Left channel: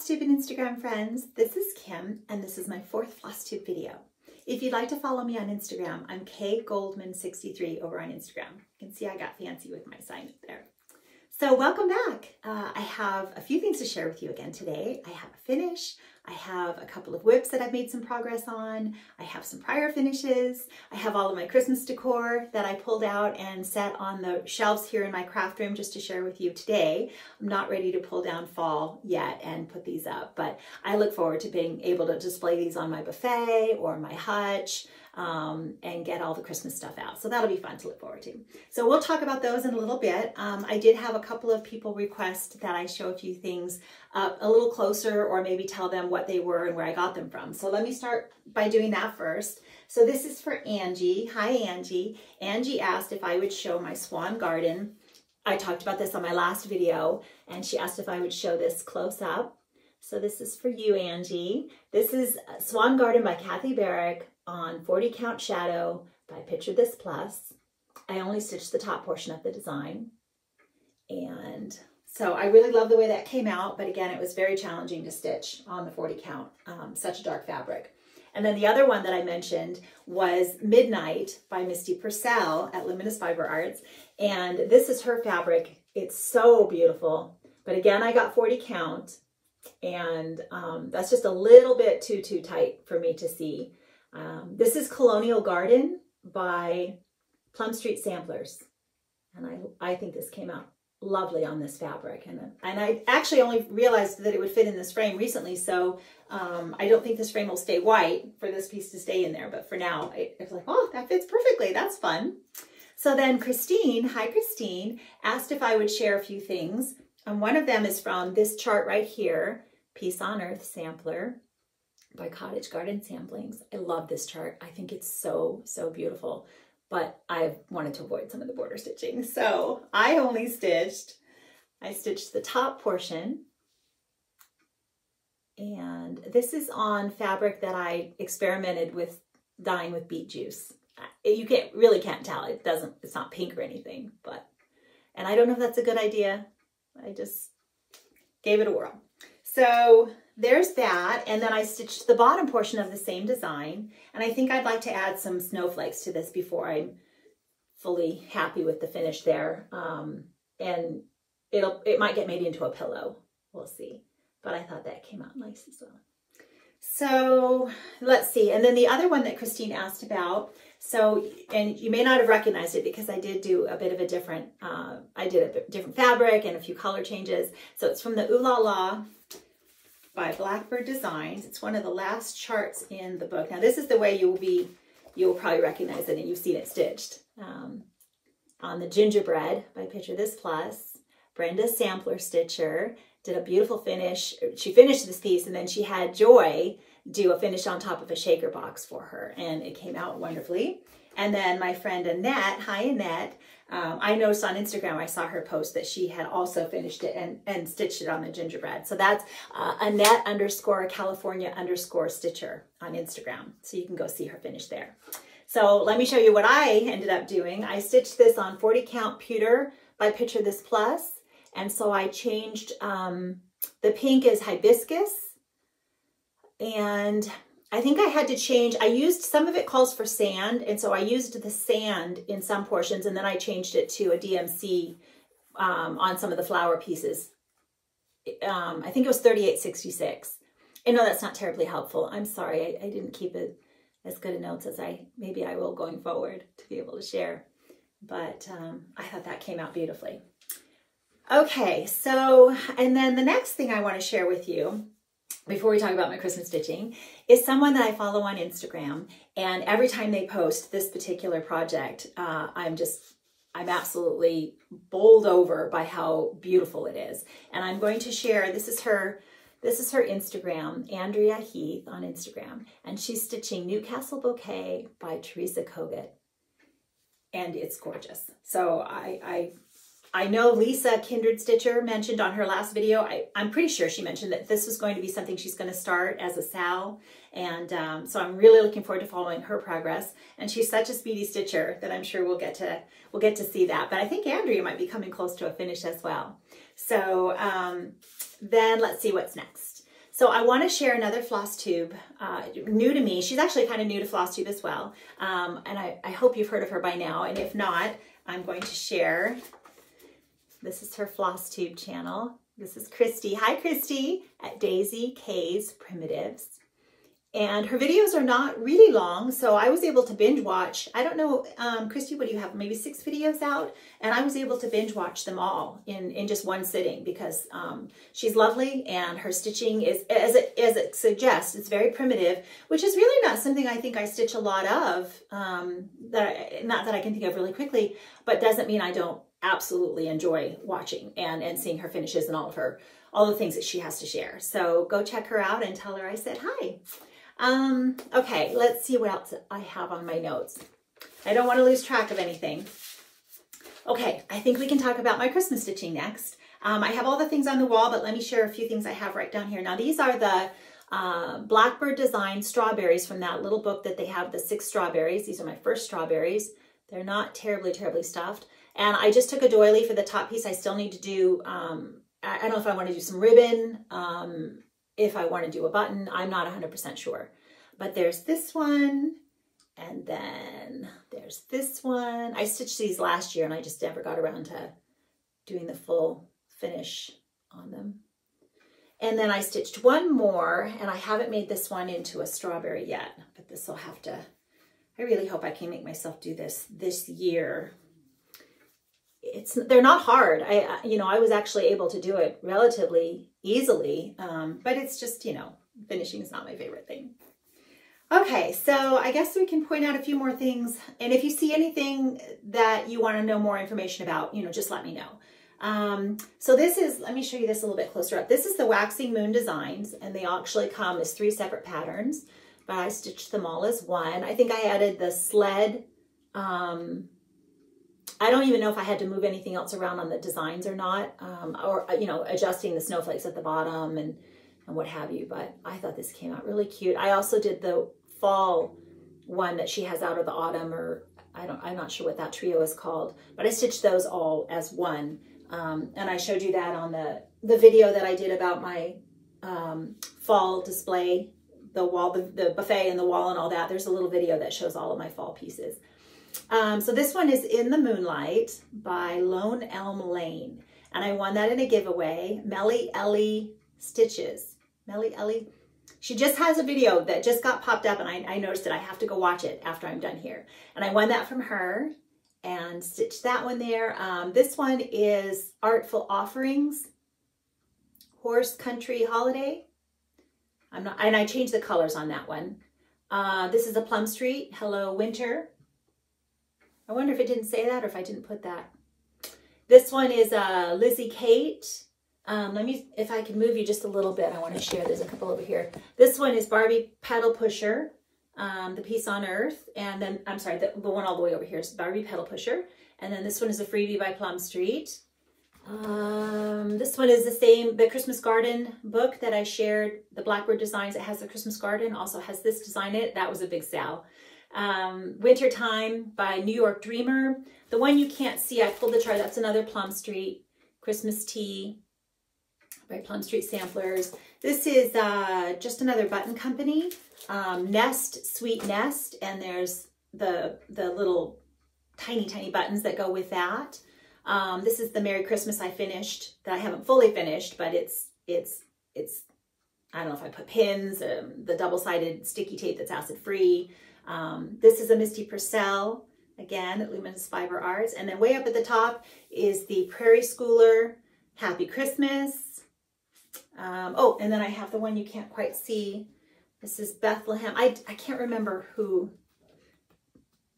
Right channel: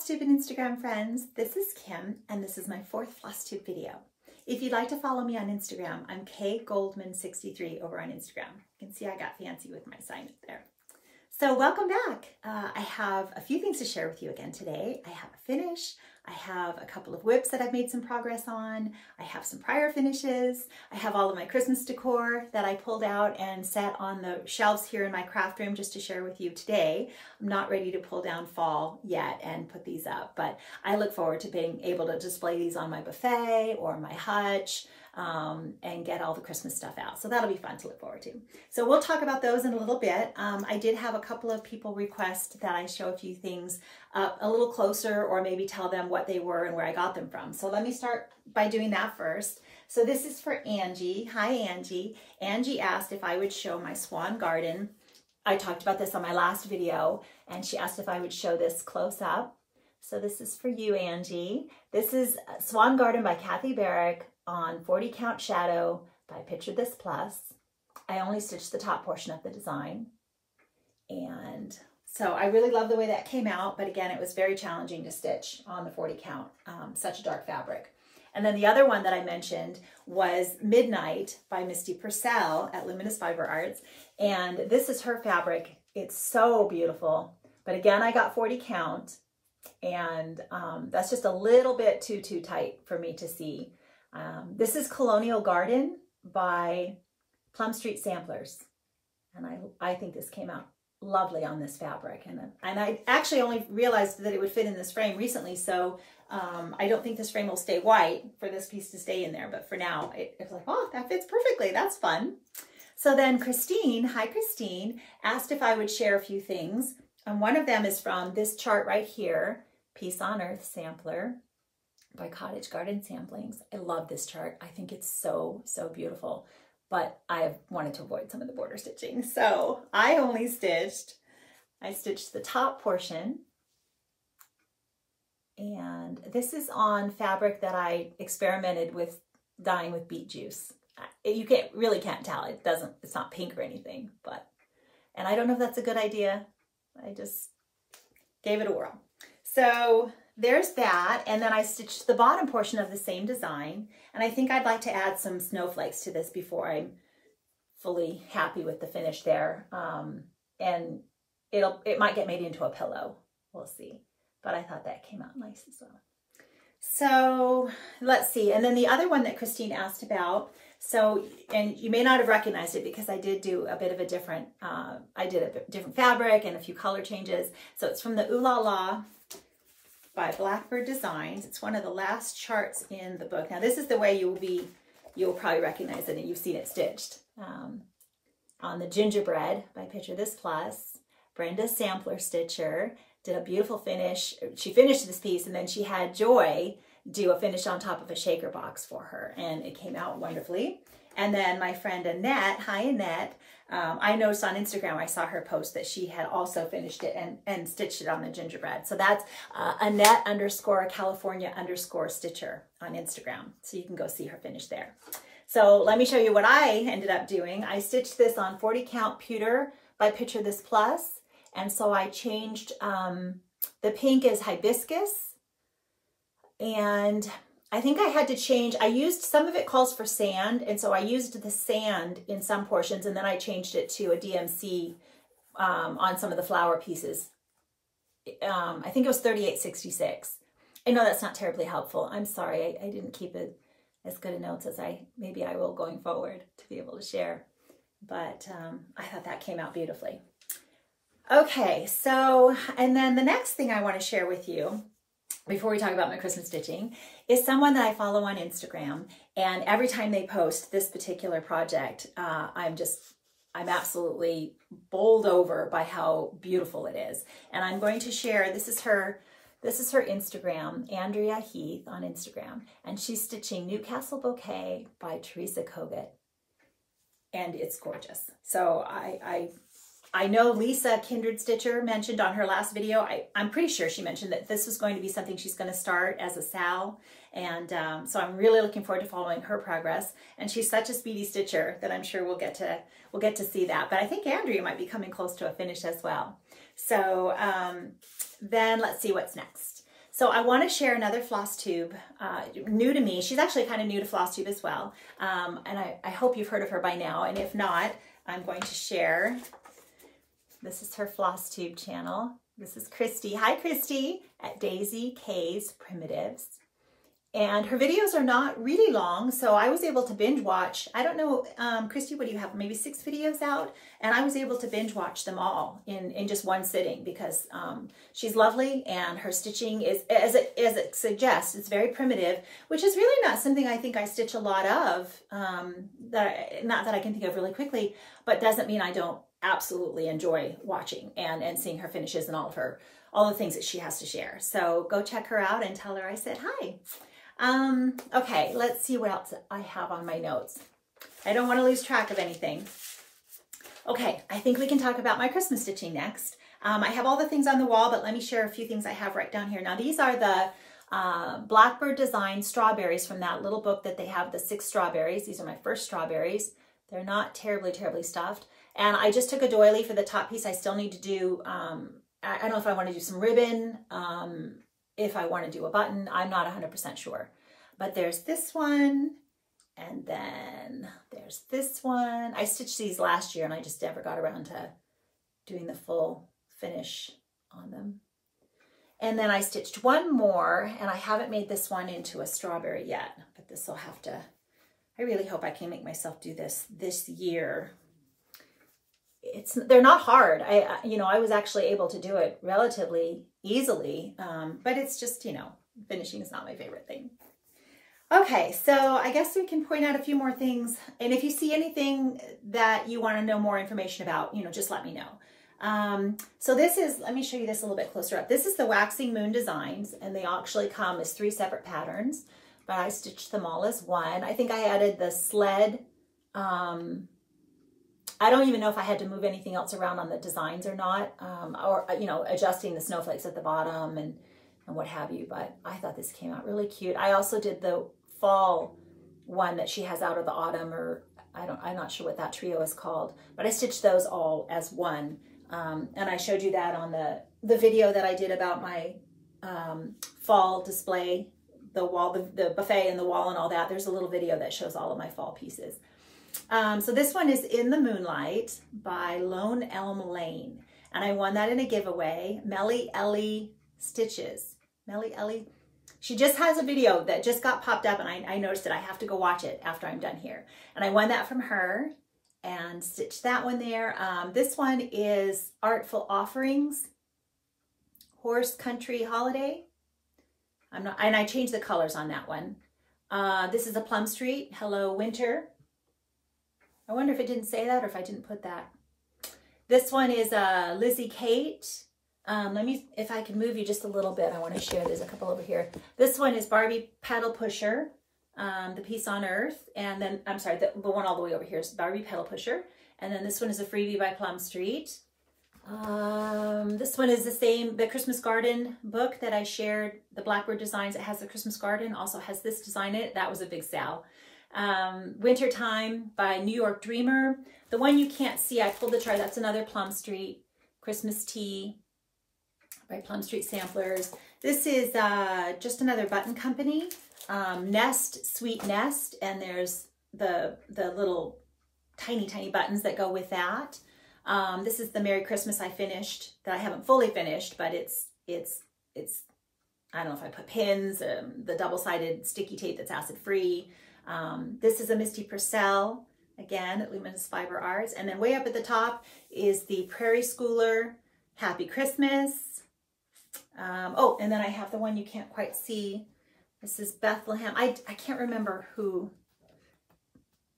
Flosstube and Instagram friends, this is Kim and this is my fourth Flosstube video. If you'd like to follow me on Instagram, I'm kgoldman63 over on Instagram. You can see I got fancy with my sign up there. So welcome back. I have a few things to share with you again today. I have a finish. I have a couple of whips that I've made some progress on. I have some prior finishes. I have all of my Christmas decor that I pulled out and set on the shelves here in my craft room just to share with you today. I'm not ready to pull down fall yet and put these up, but I look forward to being able to display these on my buffet or my hutch and get all the Christmas stuff out. So that'll be fun to look forward to. So we'll talk about those in a little bit. I did have a couple of people request that I show a few things up a little closer or maybe tell them what they were and where I got them from. So let me start by doing that first. So this is for Angie. Hi, Angie. Angie asked if I would show my Swan Garden. I talked about this on my last video and she asked if I would show this close up. So this is for you, Angie. This is Swan Garden by Kathy Barrick on 40 count shadow by Picture This Plus. I only stitched the top portion of the design. And so I really love the way that came out, but again, it was very challenging to stitch on the 40 count, such a dark fabric. And then the other one that I mentioned was Midnight by Misty Purcell at Luminous Fiber Arts. And this is her fabric. It's so beautiful. But again, I got 40 count and that's just a little bit too tight for me to see. This is Colonial Garden by Plum Street Samplers. And I think this came out lovely on this fabric. And I actually only realized that it would fit in this frame recently. So I don't think this frame will stay white for this piece to stay in there. But for now, it's like, oh, that fits perfectly. That's fun. So then Christine, hi Christine, asked if I would share a few things. And one of them is from this chart right here, Peace on Earth Sampler by Cottage Garden Samplings. I love this chart. I think it's so beautiful, but I wanted to avoid some of the border stitching. So I stitched the top portion, and this is on fabric that I experimented with dyeing with beet juice. You really can't tell. It's not pink or anything, and I don't know if that's a good idea. I just gave it a whirl. So there's that, and then I stitched the bottom portion of the same design, and I think I'd like to add some snowflakes to this before I'm fully happy with the finish there, and it might get made into a pillow. We'll see, but I thought that came out nice as well. So let's see, and then the other one that Christine asked about, and you may not have recognized it because I did do a bit of a different, I did a different fabric and a few color changes. So it's from the Ooh La La by Blackbird Designs. It's one of the last charts in the book. Now this is the way you will probably recognize it, and you've seen it stitched. On the Gingerbread by Picture This Plus, Brenda Sampler Stitcher did a beautiful finish. She finished this piece and then she had Joy do a finish on top of a shaker box for her, and it came out wonderfully. And then my friend Annette, hi Annette, I noticed on Instagram, I saw her post that she had also finished it and stitched it on the gingerbread. So that's Annette _California _Stitcher on Instagram. So you can go see her finish there. So let me show you what I ended up doing. I stitched this on 40 count pewter by Picture This Plus. And so I changed, the pink is hibiscus. And I think I had to change, I used, some of it calls for sand, and so I used the sand in some portions, and then I changed it to a DMC on some of the flower pieces. I think it was 3866. I know that's not terribly helpful. I'm sorry, I didn't keep it as good a notes as maybe I will going forward to be able to share. But I thought that came out beautifully. Okay, so, and then the next thing I want to share with you before we talk about my Christmas stitching is someone that I follow on Instagram, and every time they post this particular project, I'm absolutely bowled over by how beautiful it is. And I'm going to share, this is her Instagram, Andrea Heath on Instagram, and she's stitching Newcastle Bouquet by Teresa Kogut, and it's gorgeous. So I know Lisa Kindred Stitcher mentioned on her last video, I'm pretty sure she mentioned that this was going to be something she's going to start as a SAL. And so I'm really looking forward to following her progress. And she's such a speedy stitcher that I'm sure we'll get to see that. But I think Andrea might be coming close to a finish as well. So then let's see what's next. So I want to share another Flosstube, new to me. She's actually kind of new to Flosstube as well. And I hope you've heard of her by now. And if not, I'm going to share. This is her Flosstube channel. This is Christy. Hi, Christy, at Daisy K's Primitives. And her videos are not really long, so I was able to binge watch. I don't know, Christy, what do you have? Maybe 6 videos out? And I was able to binge watch them all in just one sitting because she's lovely and her stitching is, as it suggests, it's very primitive, which is really not something I think I stitch a lot of, not that I can think of really quickly, but doesn't mean I don't absolutely enjoy watching and seeing her finishes and all the things that she has to share. So go check her out and tell her I said hi. Okay, let's see what else I have on my notes. I don't want to lose track of anything. Okay, I think we can talk about my Christmas stitching next. I have all the things on the wall, but let me share a few things I have right down here. Now, these are the Blackbird Design strawberries from that little book that they have, the 6 strawberries. These are my first strawberries. They're not terribly, terribly stuffed. And I just took a doily for the top piece. I still need to do, I don't know if I want to do some ribbon, if I want to do a button. I'm not 100% sure. But there's this one, and then there's this one. I stitched these last year, and I just never got around to doing the full finish on them. And then I stitched one more, and I haven't made this one into a strawberry yet, but this will have to, I really hope I can make myself do this year. They're not hard. I was actually able to do it relatively easily, but it's just, finishing is not my favorite thing. Okay, so I guess we can point out a few more things. And if you see anything that you want to know more information about, just let me know. So this is, let me show you this a little bit closer up. This is the Waxing Moon designs, and they actually come as 3 separate patterns, but I stitched them all as one. I think I added the sled. I don't even know if I had to move anything else around on the designs or not, or, adjusting the snowflakes at the bottom and what have you, but I thought this came out really cute. I also did the fall one that she has out of the autumn, or I'm not sure what that trio is called, but I stitched those all as one. And I showed you that on the video that I did about my fall display, the wall, the buffet and the wall and all that. There's a little video that shows all of my fall pieces. So this one is In the Moonlight by Lone Elm Lane. And I won that in a giveaway. Melly Ellie Stitches. Melly Ellie. She just has a video that just got popped up, and I noticed it. I have to go watch it after I'm done here. And I won that from her and stitched that one there. This one is Artful Offerings, Horse Country Holiday. And I changed the colors on that one. This is a Plum Street, Hello Winter. I wonder if it didn't say that or if I didn't put that. This one is Lizzie Kate. Let me, if I can move you just a little bit, I want to share. There's a couple over here. This one is Barbie Pedal Pusher, the Peace on Earth. And then, I'm sorry, the one all the way over here is Barbie Pedal Pusher. And then this one is a freebie by Plum Street. This one is the same, the Christmas Garden book that I shared, the Blackbird Designs. It has the Christmas Garden, also has this design in it. That was a big sale. Wintertime by New York Dreamer. The one you can't see, I pulled the chart. That's another Plum Street. Christmas Tea by Plum Street Samplers. This is just another button company. Nest, Sweet Nest, and there's the little tiny buttons that go with that. This is the Merry Christmas I finished, that I haven't fully finished, but it's I don't know if I put pins, the double-sided sticky tape that's acid-free. This is a Misty Purcell, again, at Luminous Fiber Arts. And then way up at the top is the Prairie Schooler Happy Christmas. Oh, and then I have the one you can't quite see. This is Bethlehem. I can't remember who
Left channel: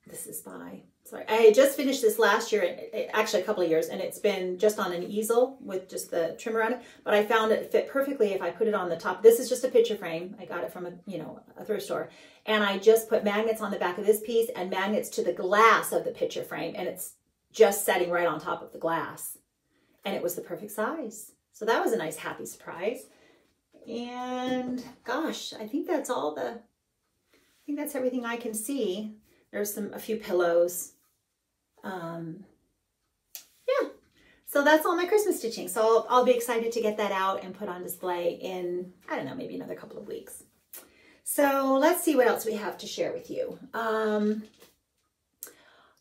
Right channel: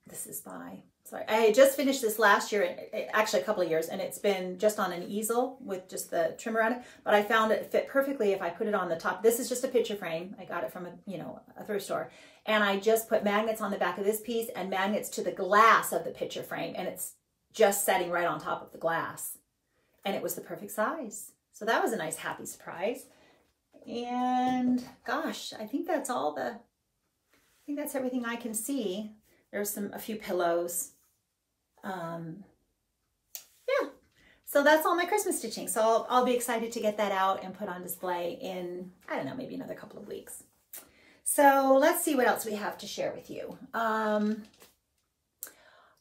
this is by. Sorry, I had just finished this last year, actually a couple of years, and it's been just on an easel with just the trimmer on it, but I found it fit perfectly if I put it on the top. This is just a picture frame. I got it from a thrift store, and I just put magnets on the back of this piece and magnets to the glass of the picture frame, and it's just setting right on top of the glass, and it was the perfect size. So that was a nice happy surprise. And gosh, I think that's all I think that's everything I can see. There's a few pillows. Yeah, So that's all my Christmas stitching. So I'll be excited to get that out and put on display in, I don't know, maybe another couple of weeks. So let's see what else we have to share with you.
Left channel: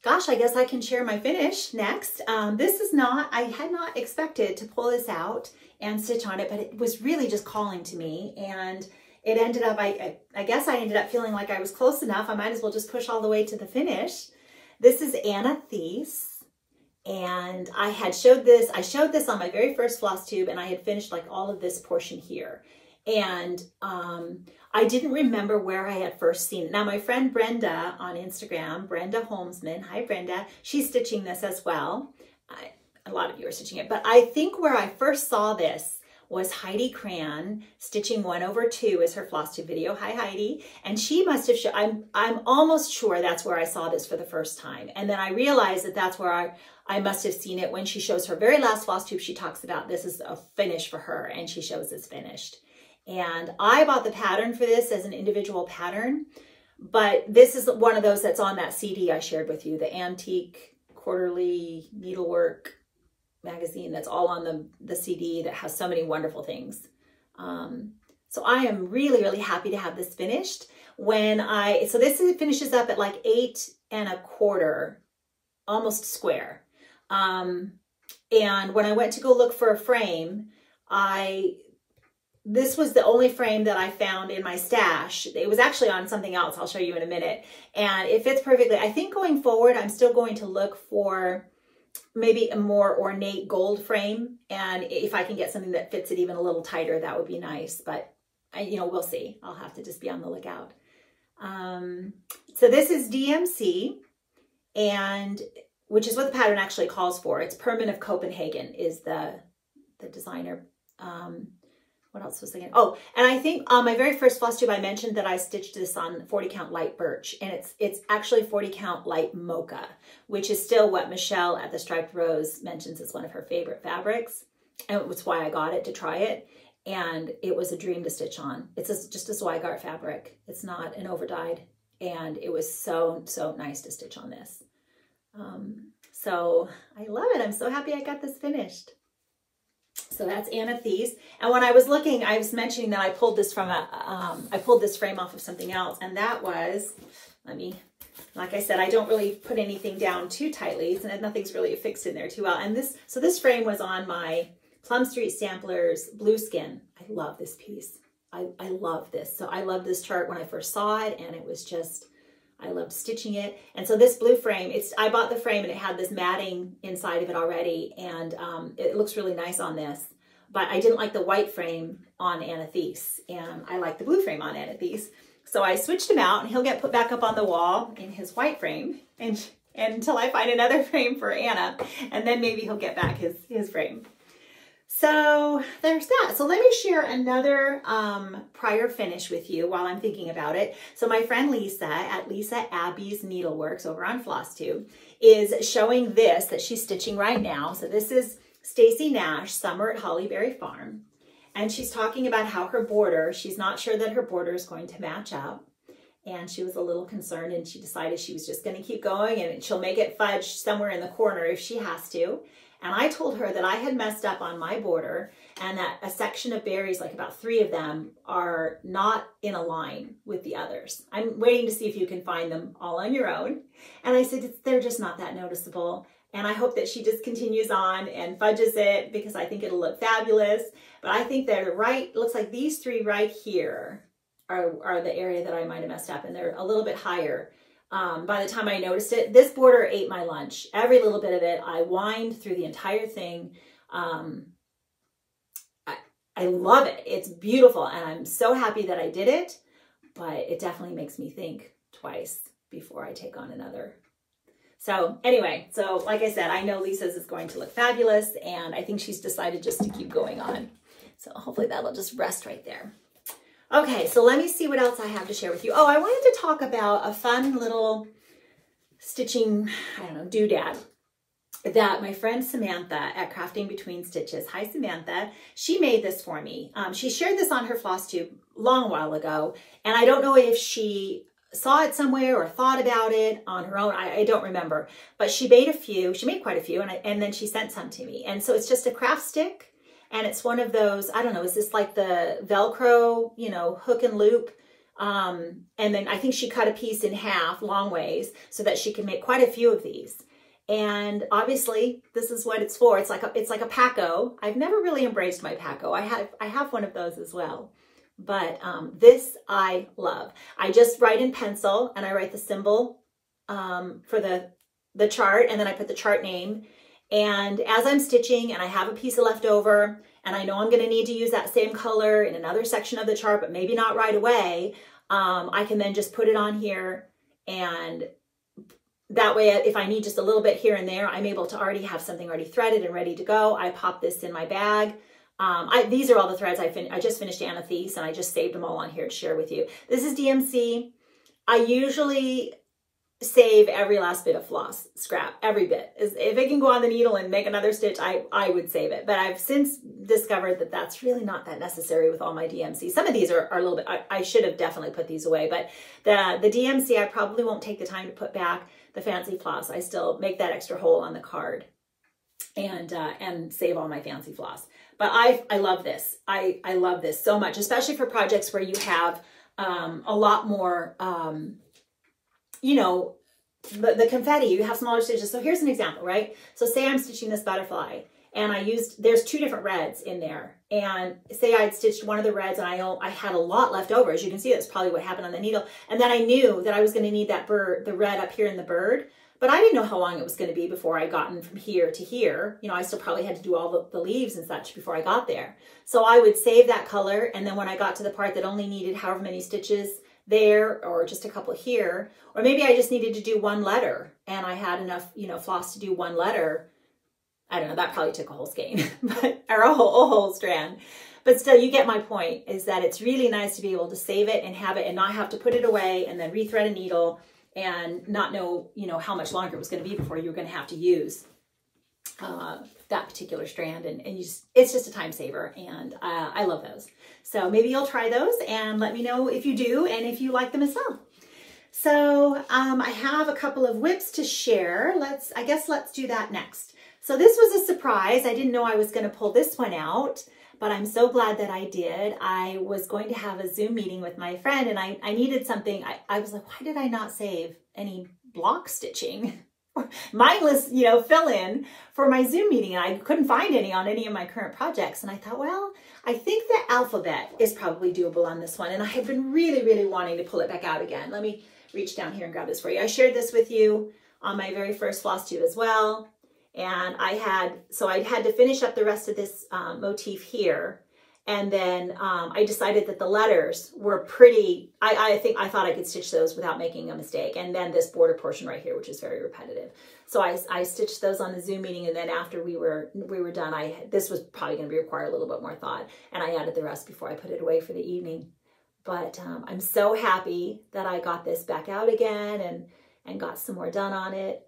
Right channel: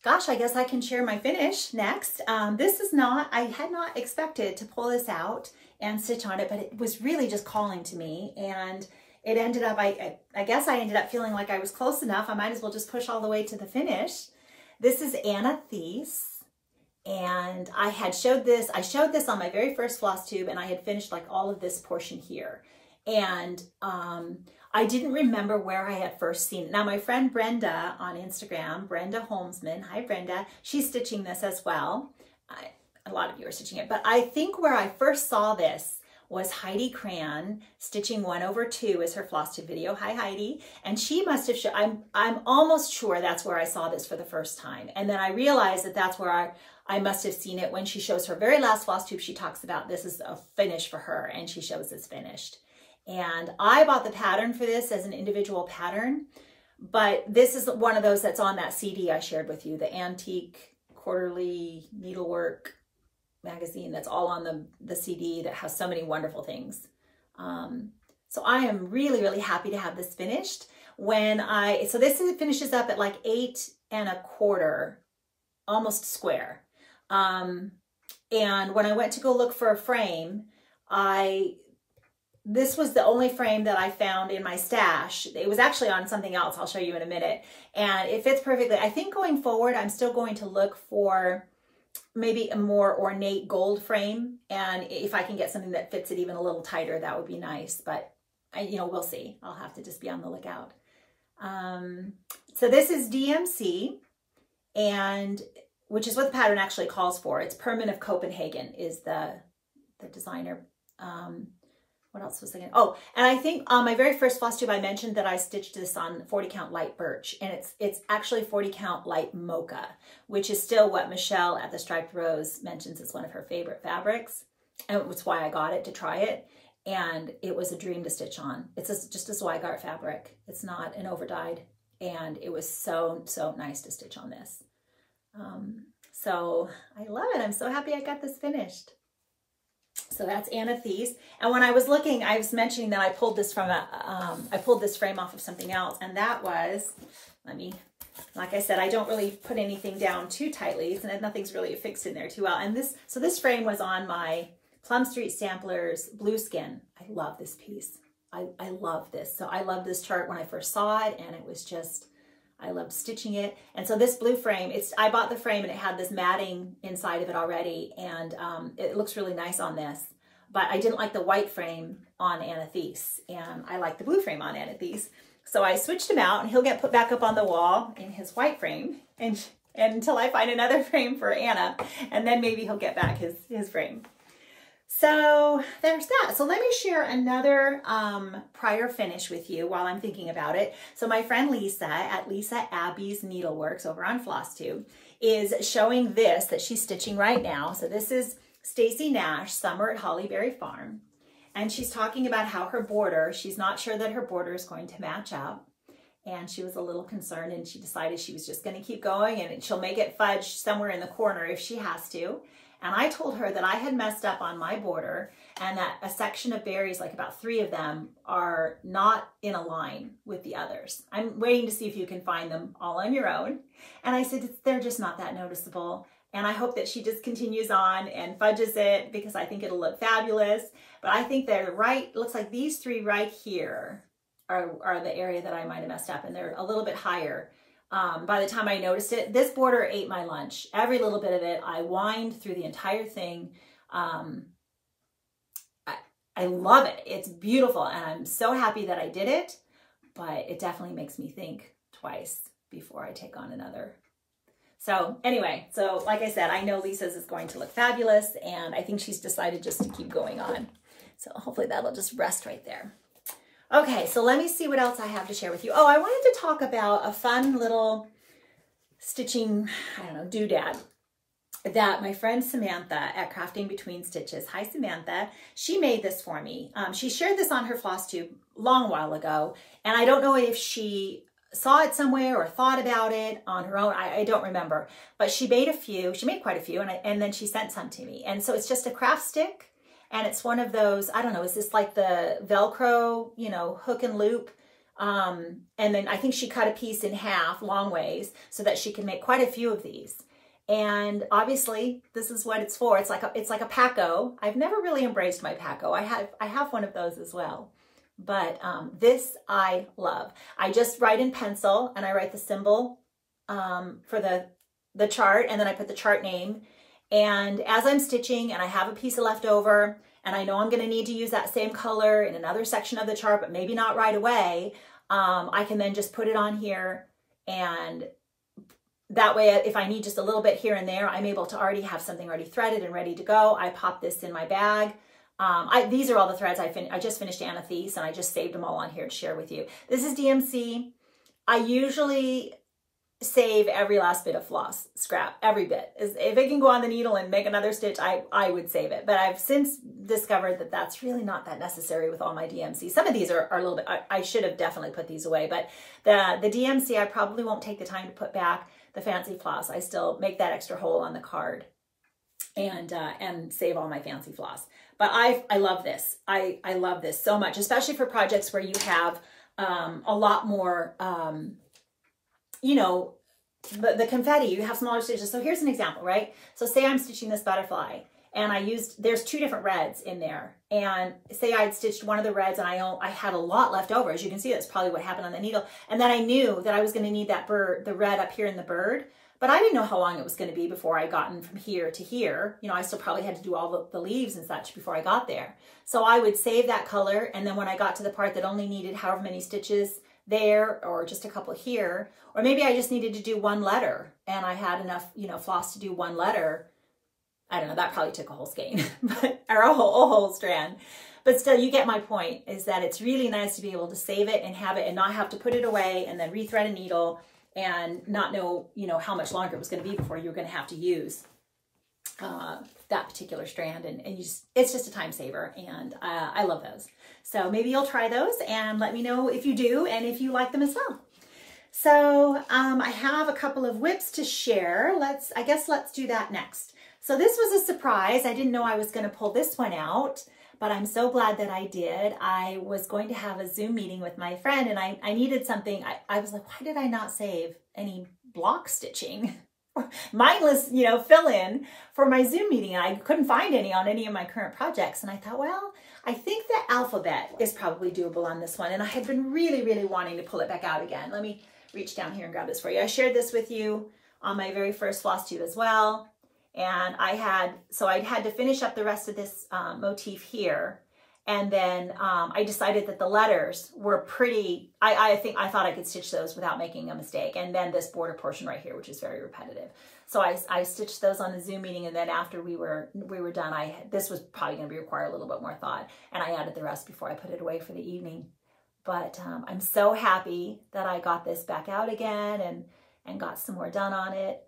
Gosh, I guess I can share my finish next. This is not, I had not expected to pull this out and stitch on it, but it was really just calling to me. And it ended up, I guess I ended up feeling like I was close enough. I might as well just push all the way to the finish. This is Anathes. And I showed this on my very first floss tube, and I had finished like all of this portion here. And I didn't remember where I had first seen it. Now my friend Brenda on Instagram, Brenda Holmesman, hi Brenda, she's stitching this as well. A lot of you are stitching it, but I think where I first saw this was Heidi Cran stitching 1/2 is her floss tube video. Hi Heidi. And she must have shown, I'm almost sure that's where I saw this for the first time. And then I realized that that's where I must have seen it when she shows her very last floss tube. She talks about this is a finish for her, and she shows it's finished. And I bought the pattern for this as an individual pattern, but this is one of those that's on that CD I shared with you, the Antique Quarterly Needlework magazine that's all on the CD that has so many wonderful things. So I am really, really happy to have this finished. So this finishes up at like 8 1/4, almost square. And when I went to go look for a frame, this was the only frame that I found in my stash. It was actually on something else I'll show you in a minute. And it fits perfectly. I think going forward, I'm still going to look for maybe a more ornate gold frame. And if I can get something that fits it even a little tighter, that would be nice. But we'll see. I'll have to just be on the lookout. So this is DMC, and which is what the pattern actually calls for. It's Perman of Copenhagen is the designer. What else was I thinking? Oh, and I think on my very first floss tube, I mentioned that I stitched this on 40 count light birch, and it's actually 40 count light mocha, which is still what Michelle at the Striped Rose mentions is one of her favorite fabrics. And it was why I got it to try it. And it was a dream to stitch on. It's just a Zweigart fabric. It's not an overdyed. And it was so, so nice to stitch on this. So I love it. I'm so happy I got this finished. So that's Anathes. And when I was looking, I was mentioning that I pulled this from I pulled this frame off of something else. And that was, like I said, I don't really put anything down too tightly, so nothing's really affixed in there too well. And this frame was on my Plum Street Samplers Blueskin. I love this piece. I love this. So I loved this chart when I first saw it, and it was just, I loved stitching it. And so this blue frame, I bought the frame and it had this matting inside of it already, and it looks really nice on this. But I didn't like the white frame on Anathes, and I like the blue frame on Anathes. So I switched him out, and he'll get put back up on the wall in his white frame, and until I find another frame for Anna, and then maybe he'll get back his frame. So there's that. So let me share another prior finish with you while I'm thinking about it. So my friend Lisa at Lisa Abby's Needleworks over on Flosstube is showing this that she's stitching right now. So this is Stacy Nash, Summer at Hollyberry Farm. And she's talking about how her border, she's not sure that her border is going to match up. And she was a little concerned, and she decided she was just going to keep going, and she'll make it fudge somewhere in the corner if she has to. And I told her that I had messed up on my border, and that a section of berries, like about 3 of them, are not in a line with the others. I'm waiting to see if you can find them all on your own. And I said, they're just not that noticeable. And I hope that she just continues on and fudges it, because I think it'll look fabulous. But I think they're right, it looks like these 3 right here are the area that I might have messed up, and they're a little bit higher. By the time I noticed it, this border ate my lunch. Every little bit of it, I whined through the entire thing. I love it. It's beautiful, and I'm so happy that I did it, but it definitely makes me think twice before I take on another. So anyway, so like I said, I know Lisa's is going to look fabulous, and I think she's decided just to keep going on. So hopefully that'll just rest right there. Okay, so let me see what else I have to share with you. Oh, I wanted to talk about a fun little stitching, I don't know, doodad that my friend Samantha at Crafting Between Stitches, hi Samantha, she made this for me. She shared this on her floss tube long while ago, and I don't know if she saw it somewhere or thought about it on her own. I don't remember, but she made a few. She made quite a few, and then she sent some to me. And so it's just a craft stick, and it's one of those, I don't know, is this like the Velcro, you know, hook and loop? And then I think she cut a piece in half long ways so that she can make quite a few of these. And obviously this is what it's for. It's like a Paco. I've never really embraced my Paco. I have one of those as well. But this I love. I just write in pencil, and I write the symbol for the chart, and then I put the chart name. And as I'm stitching and I have a piece of left over, and I know I'm going to need to use that same color in another section of the chart, but maybe not right away, I can then just put it on here, and that way, if I need just a little bit here and there, I'm able to already have something already threaded and ready to go. I pop this in my bag. These are all the threads I just finished Amethyst, and I just saved them all on here to share with you. This is DMC. I usually save every last bit of floss scrap, every bit. If it can go on the needle and make another stitch, I would save it. But I've since discovered that that's really not that necessary with all my DMC. Some of these are a little bit, I should have definitely put these away, but the DMC, I probably won't take the time to put back. The fancy floss, I still make that extra hole on the card and save all my fancy floss. But I love this. I love this so much, especially for projects where you have a lot more, you know, the confetti, you have smaller stitches. So here's an example, right? So say I'm stitching this butterfly, and there's 2 different reds in there. And say I'd stitched one of the reds, and I had a lot left over. As you can see, that's probably what happened on the needle. And then I knew that I was going to need that bird, the red up here in the bird. But I didn't know how long it was going to be before I gotten from here to here. You know, I still probably had to do all the leaves and such before I got there. So I would save that color. And then when I got to the part that only needed however many stitches there, or just a couple here, or maybe I just needed to do 1 letter and I had enough, you know, floss to do 1 letter. I don't know, that probably took a whole skein, or a whole strand. But still, you get my point, is that it's really nice to be able to save it and have it and not have to put it away and then rethread a needle and not know, you know, how much longer it was going to be before you were going to have to use that particular strand. And it's just a time saver, and I love those. So maybe you'll try those and let me know if you do and if you like them as well. So I have a couple of whips to share. I guess let's do that next. So this was a surprise. I didn't know I was going to pull this one out, but I'm so glad that I did. I was going to have a Zoom meeting with my friend, and I needed something. I was like, why did I not save any block stitching? Mindless, you know, fill in for my Zoom meeting. And I couldn't find any on any of my current projects. And I thought, well, I think the alphabet is probably doable on this one. And I had been really, really wanting to pull it back out again. Let me reach down here and grab this for you. I shared this with you on my very first Flosstube as well. And I had to finish up the rest of this motif here. And then I decided that the letters were pretty, I thought I could stitch those without making a mistake. And then this border portion right here, which is very repetitive. So I stitched those on the Zoom meeting, and then after we were done, this was probably going to require a little bit more thought, and I added the rest before I put it away for the evening. But I'm so happy that I got this back out again and got some more done on it.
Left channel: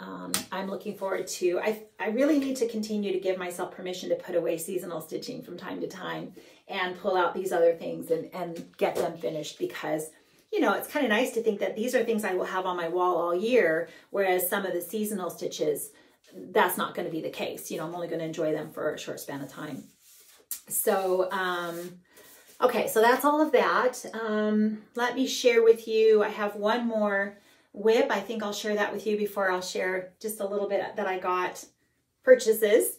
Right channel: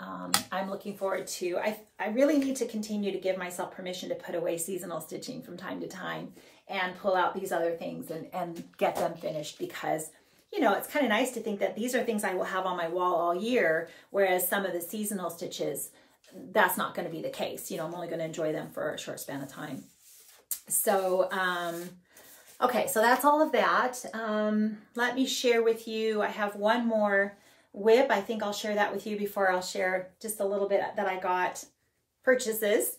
I'm looking forward to, I really need to continue to give myself permission to put away seasonal stitching from time to time and pull out these other things and get them finished, because, you know, it's kind of nice to think that these are things I will have on my wall all year, whereas some of the seasonal stitches, that's not going to be the case. You know, I'm only going to enjoy them for a short span of time. So, okay, so that's all of that. Let me share with you, I have one more whip. I think I'll share that with you before I'll share just a little bit that I got purchases.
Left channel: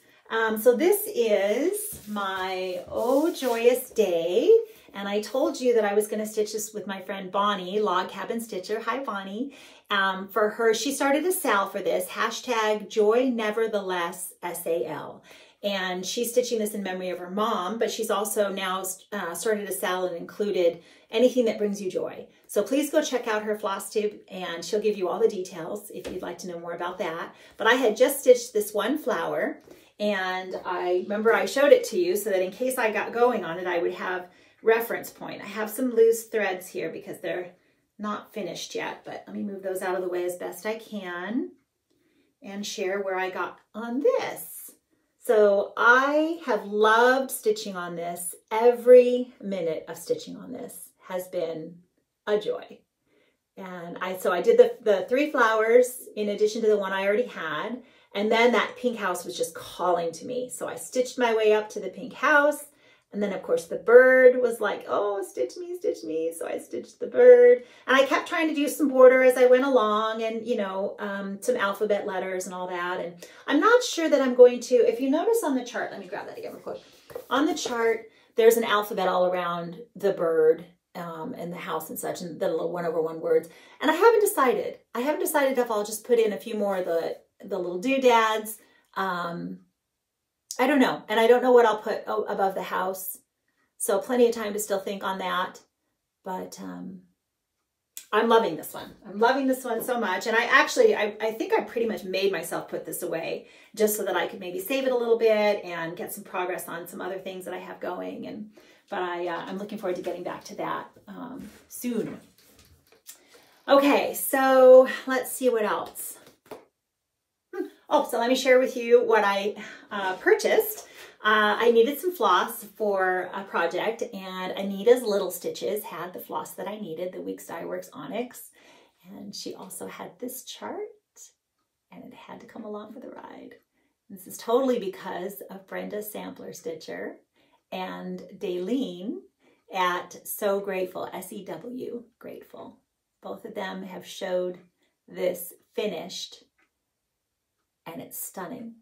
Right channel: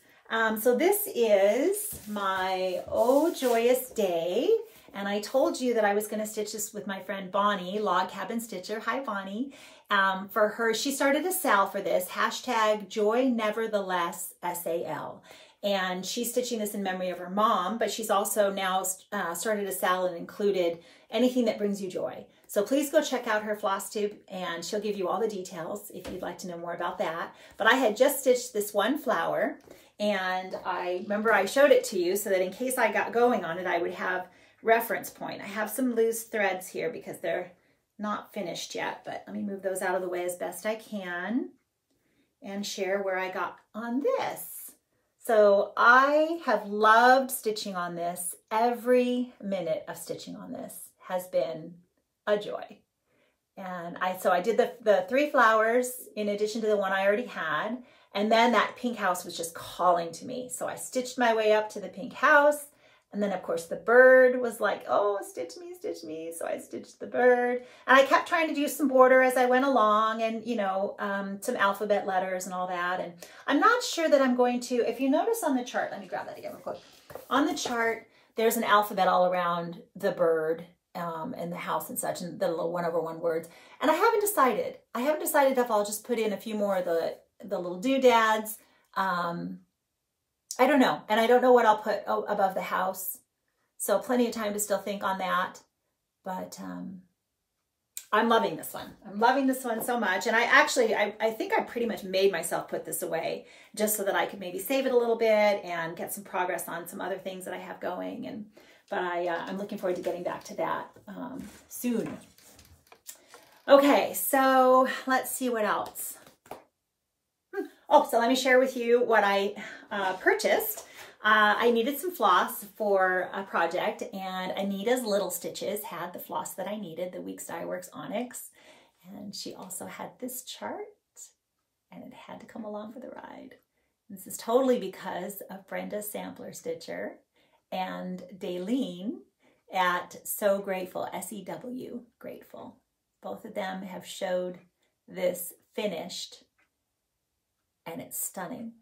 So this is my Oh Joyous Day. And I told you that I was going to stitch this with my friend Bonnie, Log Cabin Stitcher. Hi, Bonnie. For her, she started a sale for this, hashtag Joy Nevertheless SAL. And she's stitching this in memory of her mom, but she's also now started a sale and included anything that brings you joy. So please go check out her Flosstube, and she'll give you all the details if you'd like to know more about that. But I had just stitched this one flower, and I remember I showed it to you so that in case I got going on it, I would have reference point. I have some loose threads here because they're not finished yet, but let me move those out of the way as best I can and share where I got on this. So I have loved stitching on this. Every minute of stitching on this has been a joy. And so I did the 3 flowers in addition to the one I already had. And then that pink house was just calling to me. So I stitched my way up to the pink house. And then of course the bird was like, oh, stitch me, stitch me. So I stitched the bird, and I kept trying to do some border as I went along, and you know, some alphabet letters and all that. And I'm not sure that I'm going to, if you notice on the chart, let me grab that again real quick. On the chart, there's an alphabet all around the bird and the house and such, and the little 1/1 words. And I haven't decided. I haven't decided if I'll just put in a few more of the little doodads. I don't know. And I don't know what I'll put above the house. So plenty of time to still think on that. But I'm loving this one. I'm loving this one so much. And I think I pretty much made myself put this away just so that I could maybe save it a little bit and get some progress on some other things that I have going. But I'm looking forward to getting back to that soon. Okay, so let's see what else. Oh, so let me share with you what I purchased. I needed some floss for a project, and Anita's Little Stitches had the floss that I needed, the Weeks Dye Works Onyx. And she also had this chart, and it had to come along for the ride. This is totally because of Brenda's Sampler Stitcher and Daleen at So Grateful, S-E-W, Grateful. Both of them have showed this finished, and it's stunning.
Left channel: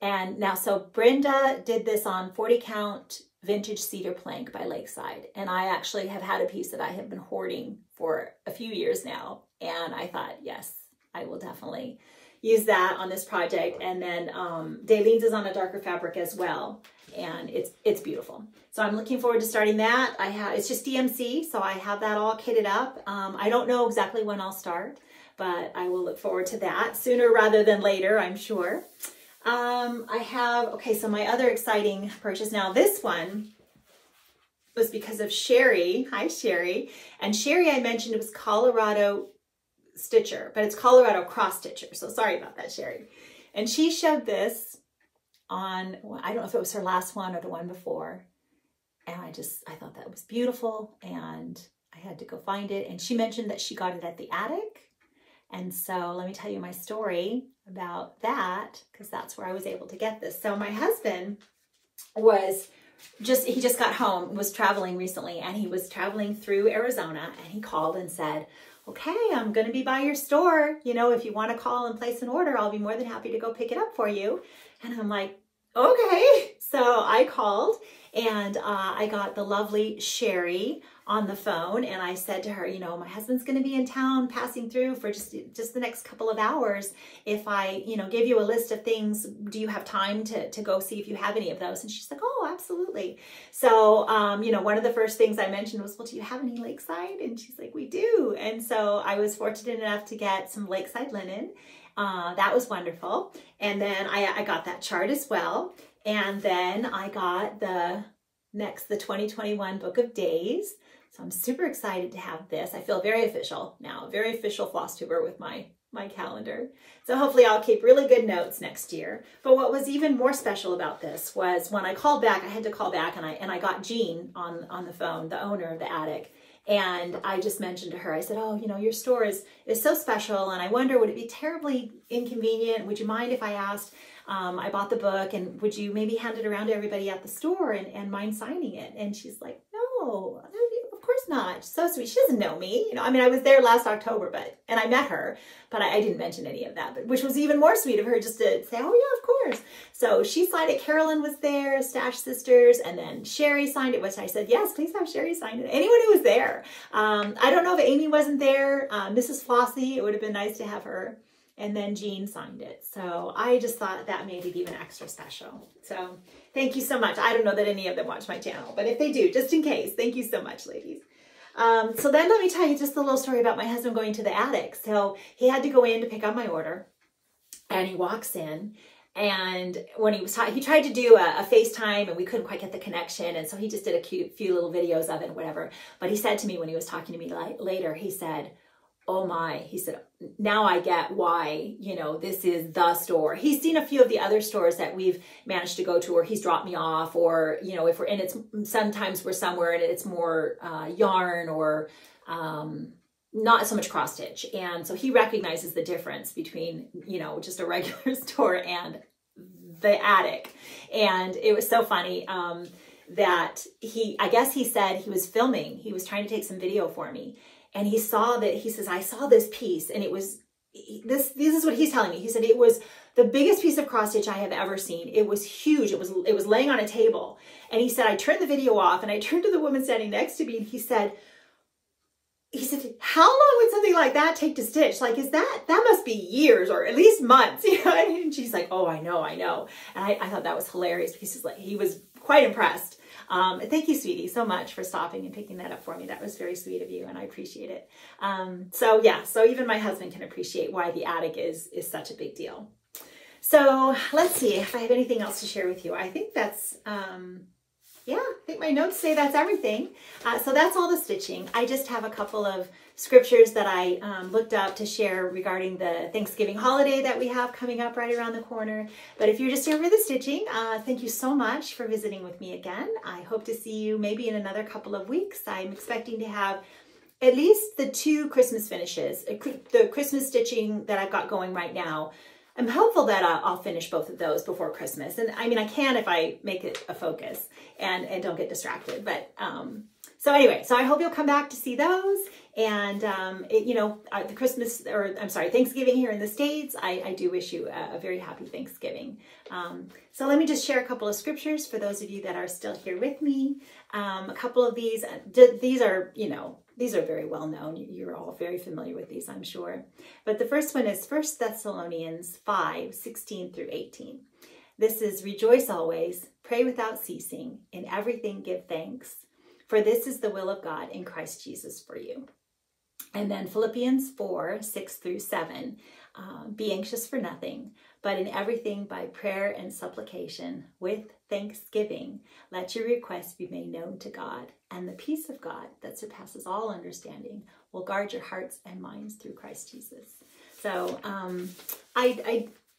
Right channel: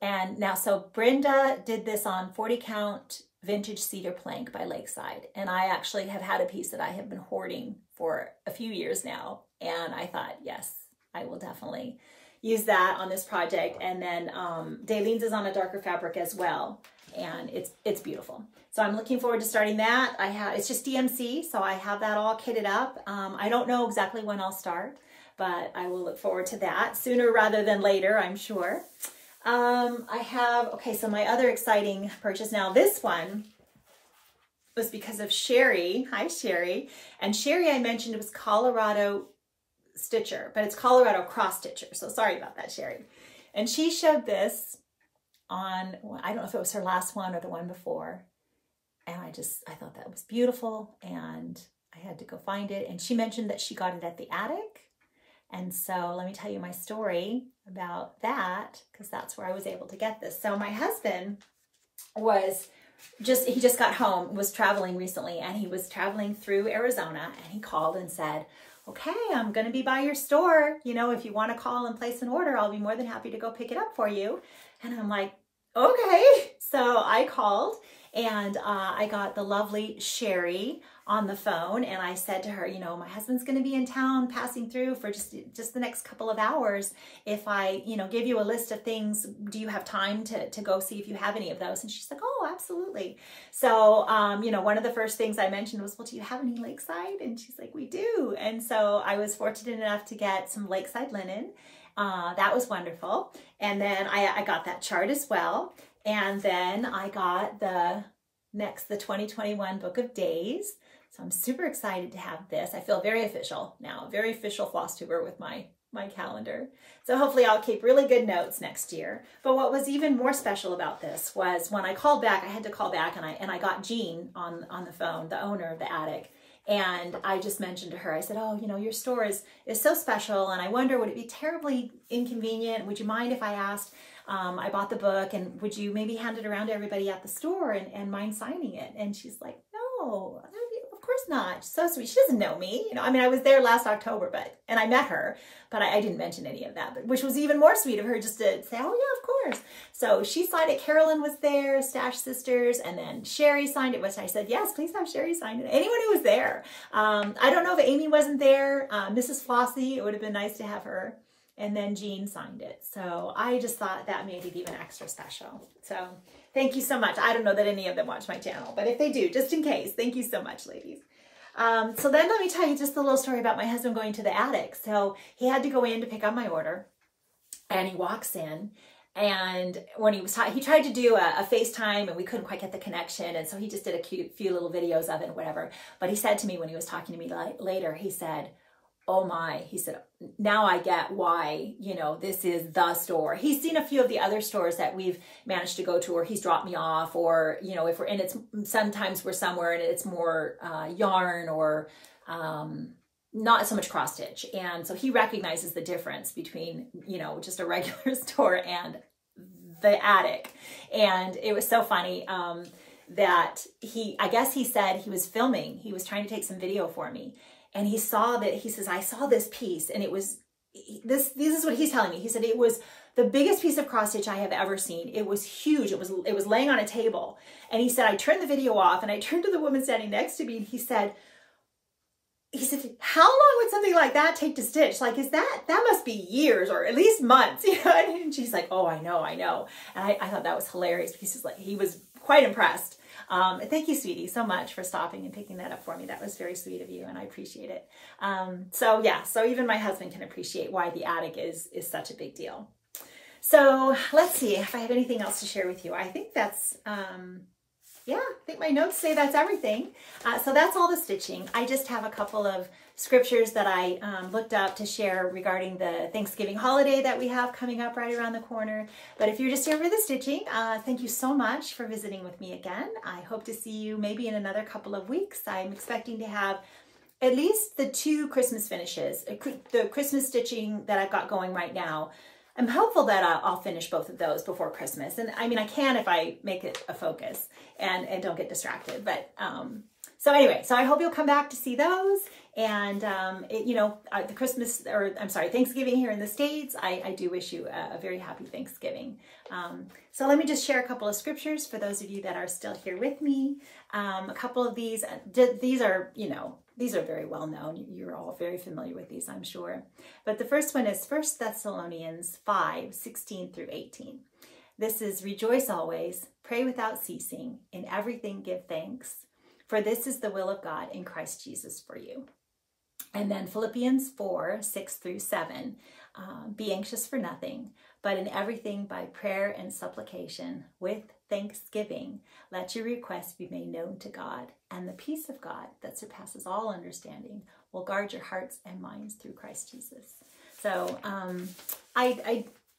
And now, so Brenda did this on 40 count vintage cedar plank by Lakeside. And I actually have had a piece that I have been hoarding for a few years now. And I thought, yes, I will definitely use that on this project. And then Daleen's is on a darker fabric as well. And it's beautiful. So I'm looking forward to starting that. It's just DMC, so I have that all kitted up. I don't know exactly when I'll start, but I will look forward to that sooner rather than later, I'm sure. Okay, so my other exciting purchase. Now this one was because of Sherry. Hi, Sherry. And Sherry, I mentioned it was Colorado Stitcher, but it's Colorado Cross Stitcher. So sorry about that, Sherry. And she showed this on, I don't know if it was her last one or the one before. And I thought that was beautiful, and I had to go find it. And she mentioned that she got it at the attic. And so let me tell you my story about that, because that's where I was able to get this. So my husband he just got home, was traveling recently, and he was traveling through Arizona, and he called and said, okay, I'm going to be by your store. You know, if you want to call and place an order, I'll be more than happy to go pick it up for you. And I'm like, okay. So I called, and I got the lovely Sherry on the phone, and I said to her, you know, my husband's going to be in town passing through for just the next couple of hours. If I, you know, give you a list of things, do you have time to go see if you have any of those? And she's like, oh, absolutely. So, you know, one of the first things I mentioned was, well, do you have any Lakeside? And she's like, we do. And so I was fortunate enough to get some Lakeside linen. That was wonderful. And then I got that chart as well. And then I got the 2021 Book of Days. So I'm super excited to have this. I feel very official now, very official Flosstuber with my calendar. So hopefully I'll keep really good notes next year. But what was even more special about this was when I called back, I had to call back, and I got Jean on the phone, the owner of the attic. And I just mentioned to her, I said, oh, you know, your store is so special, and I wonder, would it be terribly inconvenient? Would you mind if I asked, I bought the book, and would you maybe hand it around to everybody at the store and mind signing it? And she's like, no, of course not. So sweet. She doesn't know me. You know, I mean, I was there last October, and I met her, but I didn't mention any of that, which was even more sweet of her just to say, oh yeah, of course. So she signed it. Carolyn was there, Stash Sisters, and then Sherry signed it, which I said, yes, please have Sherry sign it. Anyone who was there. I don't know if Amy wasn't there. Mrs. Flossie, it would have been nice to have her. And then Jean signed it. So I just thought that made it even extra special. So thank you so much. I don't know that any of them watch my channel, but if they do, just in case, thank you so much, ladies. So then let me tell you just a little story about my husband going to the attic. So he had to go in to pick up my order, and he walks in, and when he tried to do a FaceTime, and we couldn't quite get the connection. And so he just did a few little videos of it and whatever. But he said to me when he was talking to me later, he said, oh my, he said, now I get why, you know, this is the store. He's seen a few of the other stores that we've managed to go to, or he's dropped me off, or, you know, sometimes we're somewhere and it's more yarn or, not so much cross stitch. And so he recognizes the difference between, you know, just a regular store and the attic. And it was so funny that I guess he said he was filming, he was trying to take some video for me. And he saw that, he says, I saw this piece, and it was, this is what he's telling me. He said, it was the biggest piece of cross stitch I have ever seen. It was huge. It was laying on a table. And he said, I turned the video off and I turned to the woman standing next to me, and he said, how long would something like that take to stitch? Like, that must be years or at least months, you know? And she's like, oh, I know. And I thought that was hilarious because he was quite impressed. Thank you, sweetie, so much for stopping and picking that up for me. That was very sweet of you, and I appreciate it. So yeah, so even my husband can appreciate why the attic is such a big deal. So let's see if I have anything else to share with you. I think that's, yeah, I think my notes say that's everything. So that's all the stitching. I just have a couple of scriptures that I looked up to share regarding the Thanksgiving holiday that we have coming up right around the corner. But if you're just here for the stitching, thank you so much for visiting with me again. I hope to see you maybe in another couple of weeks. I'm expecting to have at least the 2 Christmas finishes, the Christmas stitching that I've got going right now. I'm hopeful that I'll finish both of those before Christmas. And I mean, I can if I make it a focus and don't get distracted. But so anyway, so I hope you'll come back to see those. And, you know, the Christmas, or I'm sorry, Thanksgiving here in the States, I do wish you a very happy Thanksgiving. So let me just share a couple of scriptures for those of you that are still here with me. A couple of these are, you know, these are very well known. You're all very familiar with these, I'm sure. But the first one is 1 Thessalonians 5:16 through 18. This is, rejoice always, pray without ceasing, in everything give thanks, for this is the will of God in Christ Jesus for you. And then Philippians 4:6 through 7, be anxious for nothing, but in everything by prayer and supplication with thanksgiving, let your requests be made known to God, and the peace of God that surpasses all understanding will guard your hearts and minds through Christ Jesus. So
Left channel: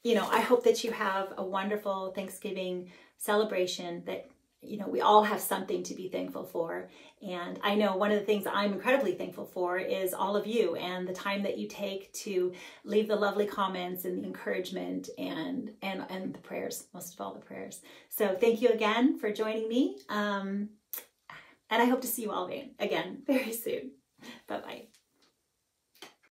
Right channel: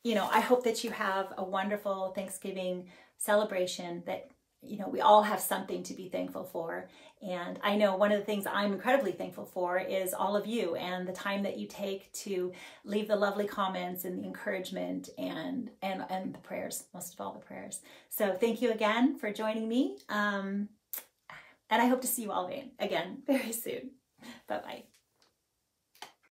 you know, I hope that you have a wonderful Thanksgiving celebration, that, you know, we all have something to be thankful for. And I know one of the things I'm incredibly thankful for is all of you and the time that you take to leave the lovely comments and the encouragement and the prayers, most of all the prayers. So thank you again for joining me. And I hope to see you all again very soon. Bye-bye.